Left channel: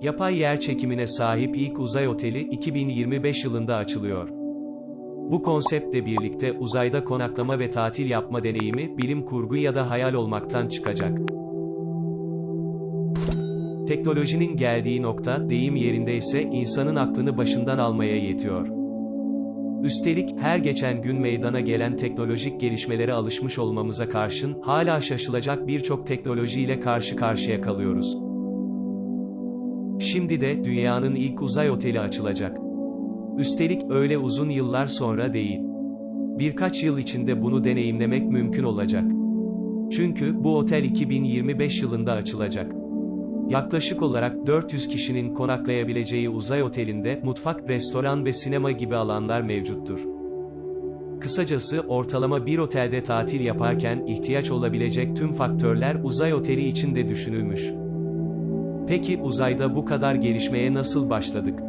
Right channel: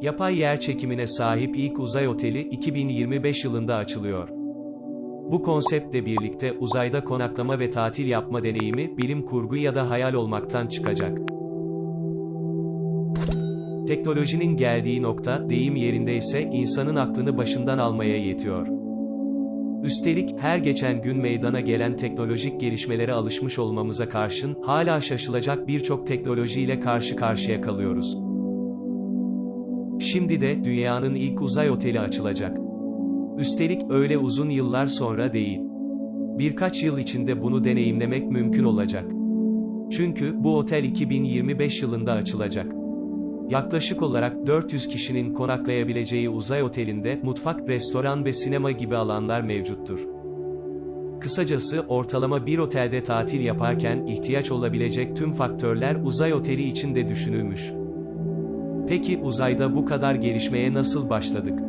Yapay yer çekimine sahip ilk uzay oteli 2025 yılında açılıyor. Bu konseptle birlikte uzayda konaklama ve tatil yapma deneyimi bilim kurgu ya da hayal olmaktan çıkacak. Teknolojinin geldiği nokta, deyim yerindeyse insanın aklını başından almaya yetiyor. Üstelik, her geçen gün meydana gelen teknolojik gelişmelere alışmış olmamıza karşın, hala şaşılacak birçok teknolojiyle karşı karşıya kalıyoruz. Şimdi de, dünyanın ilk uzay oteli açılacak. Üstelik, öyle uzun yıllar sonra değil. Birkaç yıl içinde bunu deneyimlemek mümkün olacak. Çünkü, bu otel 2025 yılında açılacak. Yaklaşık olarak 400 kişinin konaklayabileceği uzay otelinde, mutfak, restoran ve sinema gibi alanlar mevcuttur. Kısacası, ortalama bir otelde tatil yaparken, ihtiyaç olabilecek tüm faktörler uzay oteli için de düşünülmüş. Peki, uzayda bu kadar gelişmeye nasıl başladık?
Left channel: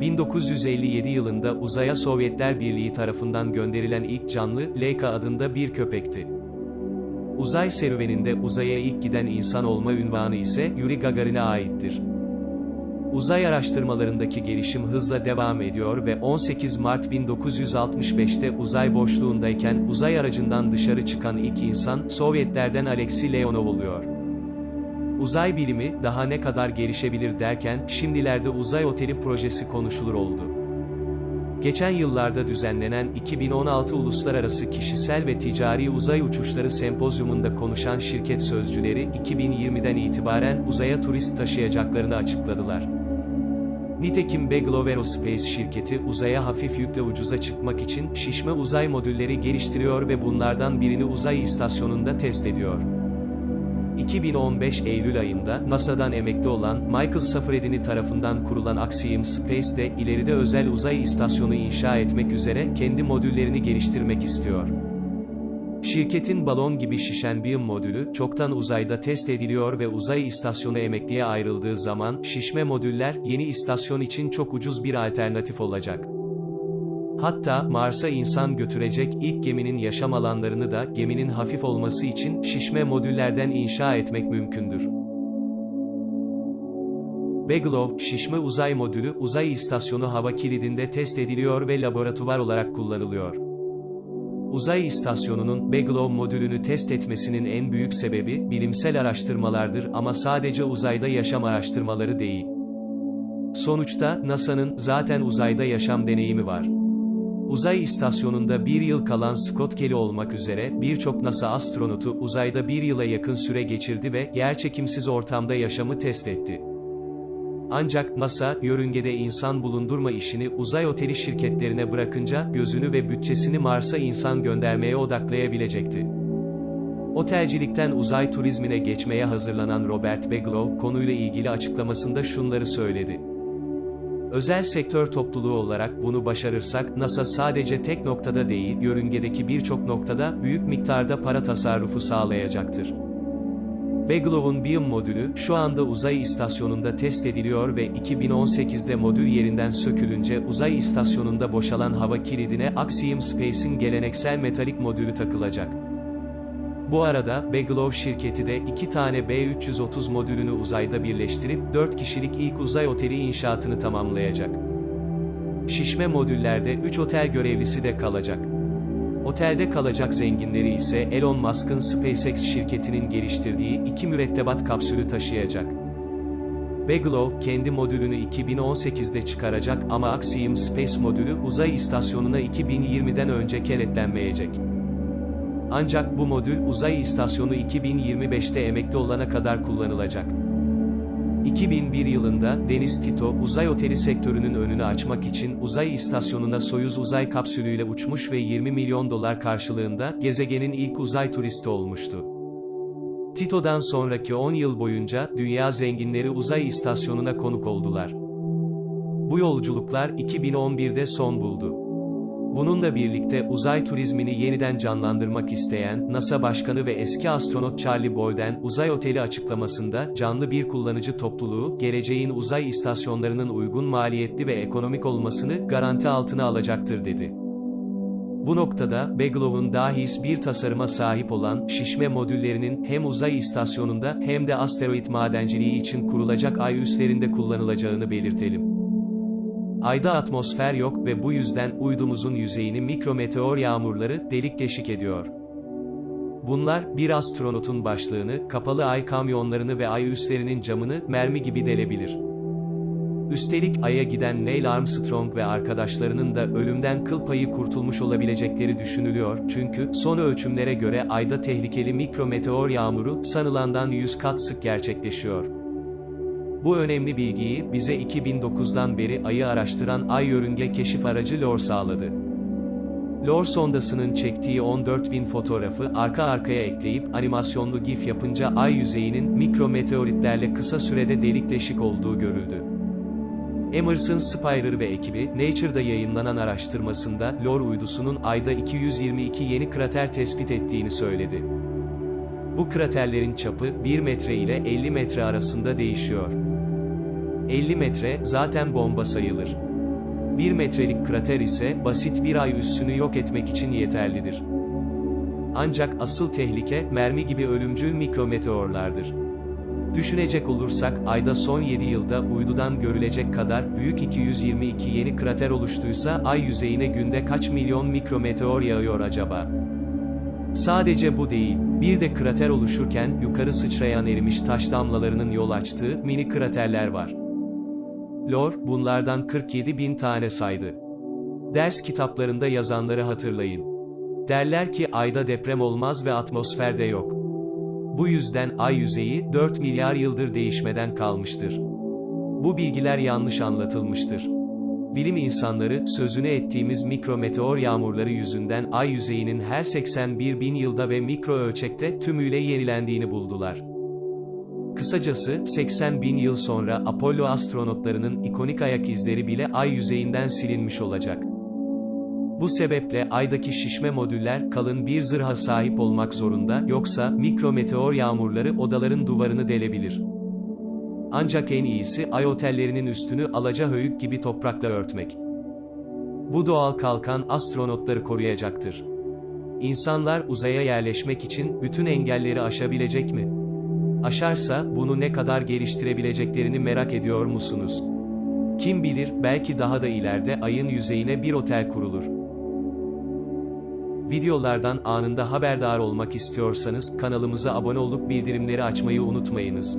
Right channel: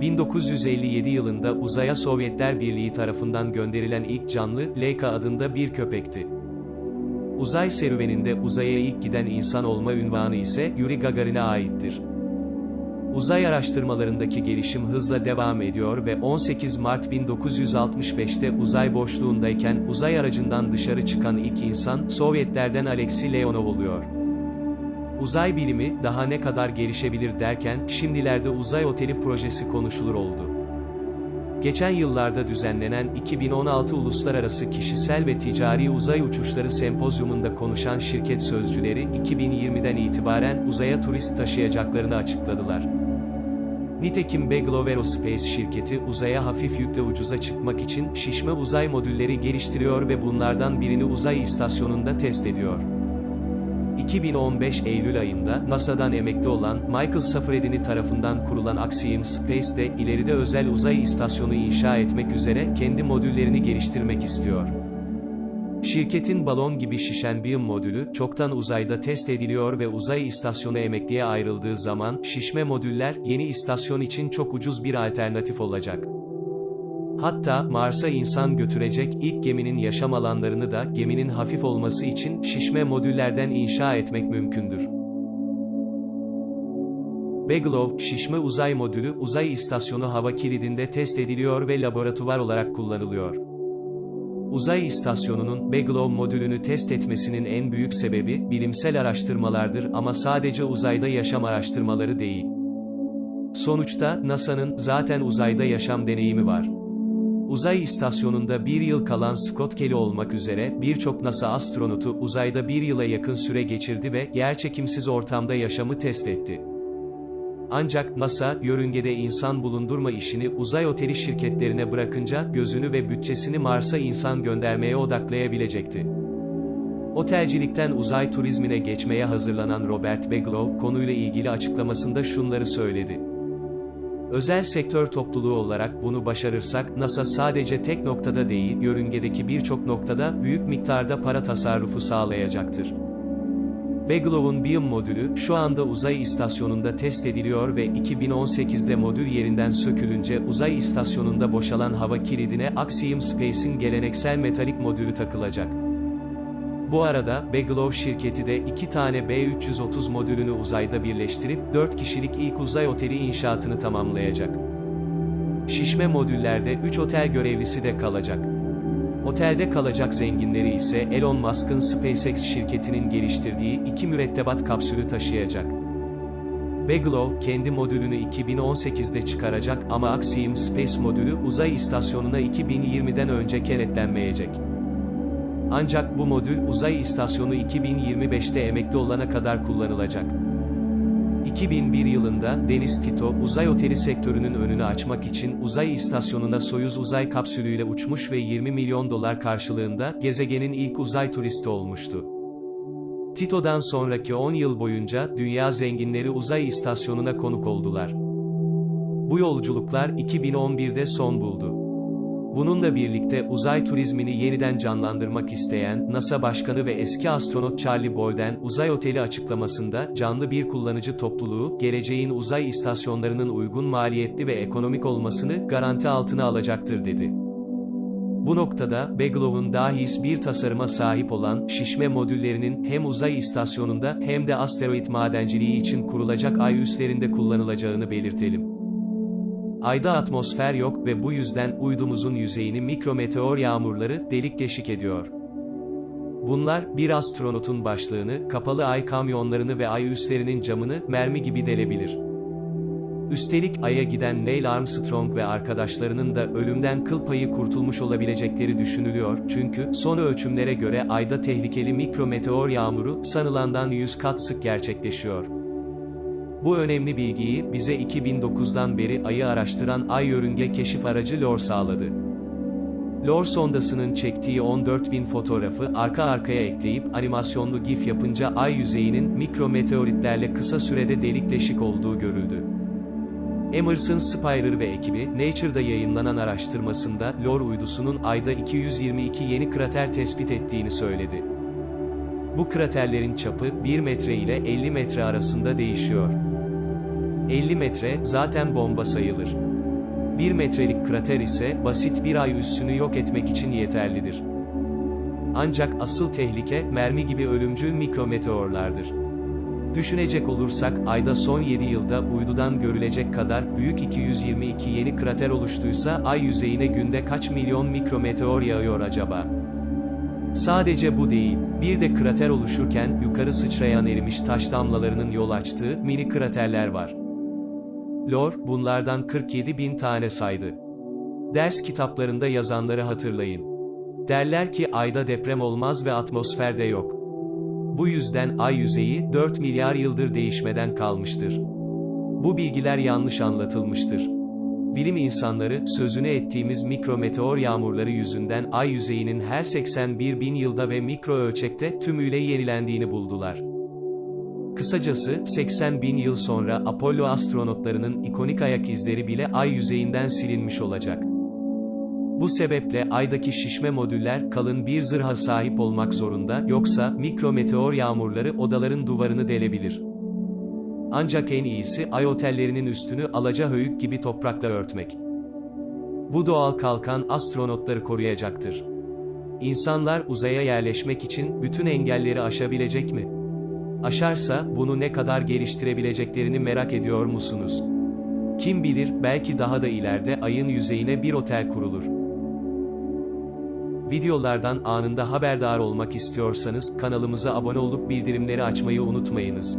1957 yılında uzaya Sovyetler Birliği tarafından gönderilen ilk canlı, Leica adında bir köpekti. Uzay serüveninde uzaya ilk giden insan olma ünvanı ise Yuri Gagarin'e aittir. Uzay araştırmalarındaki gelişim hızla devam ediyor ve 18 Mart 1965'te uzay boşluğundayken uzay aracından dışarı çıkan ilk insan Sovyetlerden Alexey Leonov oluyor. Uzay bilimi daha ne kadar gelişebilir derken şimdilerde uzay oteli projesi konuşulur oldu. Geçen yıllarda düzenlenen 2016 Uluslararası Kişisel ve Ticari Uzay Uçuşları Sempozyumunda konuşan şirket sözcüleri 2020'den itibaren uzaya turist taşıyacaklarını açıkladılar. Nitekim Beglov Aerospace şirketi uzaya hafif yükle ucuza çıkmak için şişme uzay modülleri geliştiriyor ve bunlardan birini uzay istasyonunda test ediyor. 2015 Eylül ayında, NASA'dan emekli olan, Michael Safradini tarafından kurulan Axiom Space de, ileride özel uzay istasyonu inşa etmek üzere, kendi modüllerini geliştirmek istiyor. Şirketin balon gibi şişen bir modülü, çoktan uzayda test ediliyor ve uzay istasyonu emekliye ayrıldığı zaman, şişme modüller, yeni istasyon için çok ucuz bir alternatif olacak. Hatta, Mars'a insan götürecek ilk geminin yaşam alanlarını da, geminin hafif olması için, şişme modüllerden inşa etmek mümkündür. Beglov, şişme uzay modülü, uzay istasyonu hava kilidinde test ediliyor ve laboratuvar olarak kullanılıyor. Uzay istasyonunun, Beglov modülünü test etmesinin en büyük sebebi, bilimsel araştırmalardır ama sadece uzayda yaşam araştırmaları değil. Sonuçta, NASA'nın, zaten uzayda yaşam deneyimi var. Uzay istasyonunda bir yıl kalan Scott Kelly olmak üzere, birçok NASA astronotu uzayda bir yıla yakın süre geçirdi ve, yerçekimsiz ortamda yaşamı test etti. Ancak, NASA, yörüngede insan bulundurma işini uzay oteli şirketlerine bırakınca, gözünü ve bütçesini Mars'a insan göndermeye odaklayabilecekti. Otelcilikten uzay turizmine geçmeye hazırlanan Robert Beglov, konuyla ilgili açıklamasında şunları söyledi. Özel sektör topluluğu olarak bunu başarırsak, NASA sadece tek noktada değil, yörüngedeki birçok noktada, büyük miktarda para tasarrufu sağlayacaktır. Beglov'un BIM modülü, şu anda uzay istasyonunda test ediliyor ve 2018'de modül yerinden sökülünce uzay istasyonunda boşalan hava kilidine Axiom Space'in geleneksel metalik modülü takılacak. Bu arada, Beglov şirketi de iki tane B-330 modülünü uzayda birleştirip, 4 kişilik ilk uzay oteli inşaatını tamamlayacak. Şişme modüllerde 3 otel görevlisi de kalacak. Otelde kalacak zenginleri ise Elon Musk'ın SpaceX şirketinin geliştirdiği iki mürettebat kapsülü taşıyacak. Beglov, kendi modülünü 2018'de çıkaracak ama Axiom Space modülü uzay istasyonuna 2020'den önce kenetlenmeyecek. Ancak bu modül, uzay istasyonu 2025'te emekli olana kadar kullanılacak. 2001 yılında, Deniz Tito, uzay oteli sektörünün önünü açmak için, uzay istasyonuna Soyuz uzay kapsülüyle uçmuş ve 20 milyon dolar karşılığında, gezegenin ilk uzay turisti olmuştu. Tito'dan sonraki 10 yıl boyunca, dünya zenginleri uzay istasyonuna konuk oldular. Bu yolculuklar, 2011'de son buldu. Bununla birlikte uzay turizmini yeniden canlandırmak isteyen NASA Başkanı ve eski astronot Charlie Bolden, uzay oteli açıklamasında, canlı bir kullanıcı topluluğu, geleceğin uzay istasyonlarının uygun maliyetli ve ekonomik olmasını garanti altına alacaktır dedi. Bu noktada, Beglow'un dahis bir tasarıma sahip olan, şişme modüllerinin, hem uzay istasyonunda, hem de asteroid madenciliği için kurulacak ay üslerinde kullanılacağını belirtelim. Ayda atmosfer yok ve bu yüzden uydumuzun yüzeyini mikrometeor yağmurları delik deşik ediyor. Bunlar, bir astronotun başlığını, kapalı ay kamyonlarını ve ay üslerinin camını, mermi gibi delebilir. Üstelik Ay'a giden Neil Armstrong ve arkadaşlarının da ölümden kıl payı kurtulmuş olabilecekleri düşünülüyor, çünkü, son ölçümlere göre Ay'da tehlikeli mikrometeor yağmuru, sanılandan 100 kat sık gerçekleşiyor. Bu önemli bilgiyi, bize 2009'dan beri Ay'ı araştıran Ay Yörünge Keşif Aracı LOR sağladı. LOR sondasının çektiği 14.000 fotoğrafı arka arkaya ekleyip animasyonlu GIF yapınca ay yüzeyinin mikrometeoritlerle kısa sürede delik deşik olduğu görüldü. Emerson Spyrer ve ekibi, Nature'da yayınlanan araştırmasında, LOR uydusunun ayda 222 yeni krater tespit ettiğini söyledi. Bu kraterlerin çapı, 1 metre ile 50 metre arasında değişiyor. 50 metre, zaten bomba sayılır. 1 metrelik krater ise, basit bir ay üssünü yok etmek için yeterlidir. Ancak asıl tehlike, mermi gibi ölümcül mikrometeorlardır. Düşünecek olursak, ayda son 7 yılda uydudan görülecek kadar büyük 222 yeni krater oluştuysa ay yüzeyine günde kaç milyon mikrometeor yağıyor acaba? Sadece bu değil, bir de krater oluşurken yukarı sıçrayan erimiş taş damlalarının yol açtığı mini kraterler var. Lor, bunlardan 47 bin tane saydı. Ders kitaplarında yazanları hatırlayın. Derler ki ayda deprem olmaz ve atmosferde yok. Bu yüzden ay yüzeyi 4 milyar yıldır değişmeden kalmıştır. Bu bilgiler yanlış anlatılmıştır. Bilim insanları, sözünü ettiğimiz mikrometeor yağmurları yüzünden ay yüzeyinin her 81 bin yılda ve mikro ölçekte tümüyle yenilendiğini buldular. Kısacası, 80 bin yıl sonra Apollo astronotlarının ikonik ayak izleri bile ay yüzeyinden silinmiş olacak. Bu sebeple aydaki şişme modüller kalın bir zırha sahip olmak zorunda, yoksa mikrometeor yağmurları odaların duvarını delebilir. Ancak en iyisi ay otellerinin üstünü alaca höyük gibi toprakla örtmek. Bu doğal kalkan astronotları koruyacaktır. İnsanlar uzaya yerleşmek için bütün engelleri aşabilecek mi? Aşarsa bunu ne kadar geliştirebileceklerini merak ediyor musunuz? Kim bilir, belki daha da ileride ayın yüzeyine bir otel kurulur. Videolardan anında haberdar olmak istiyorsanız kanalımıza abone olup bildirimleri açmayı unutmayınız.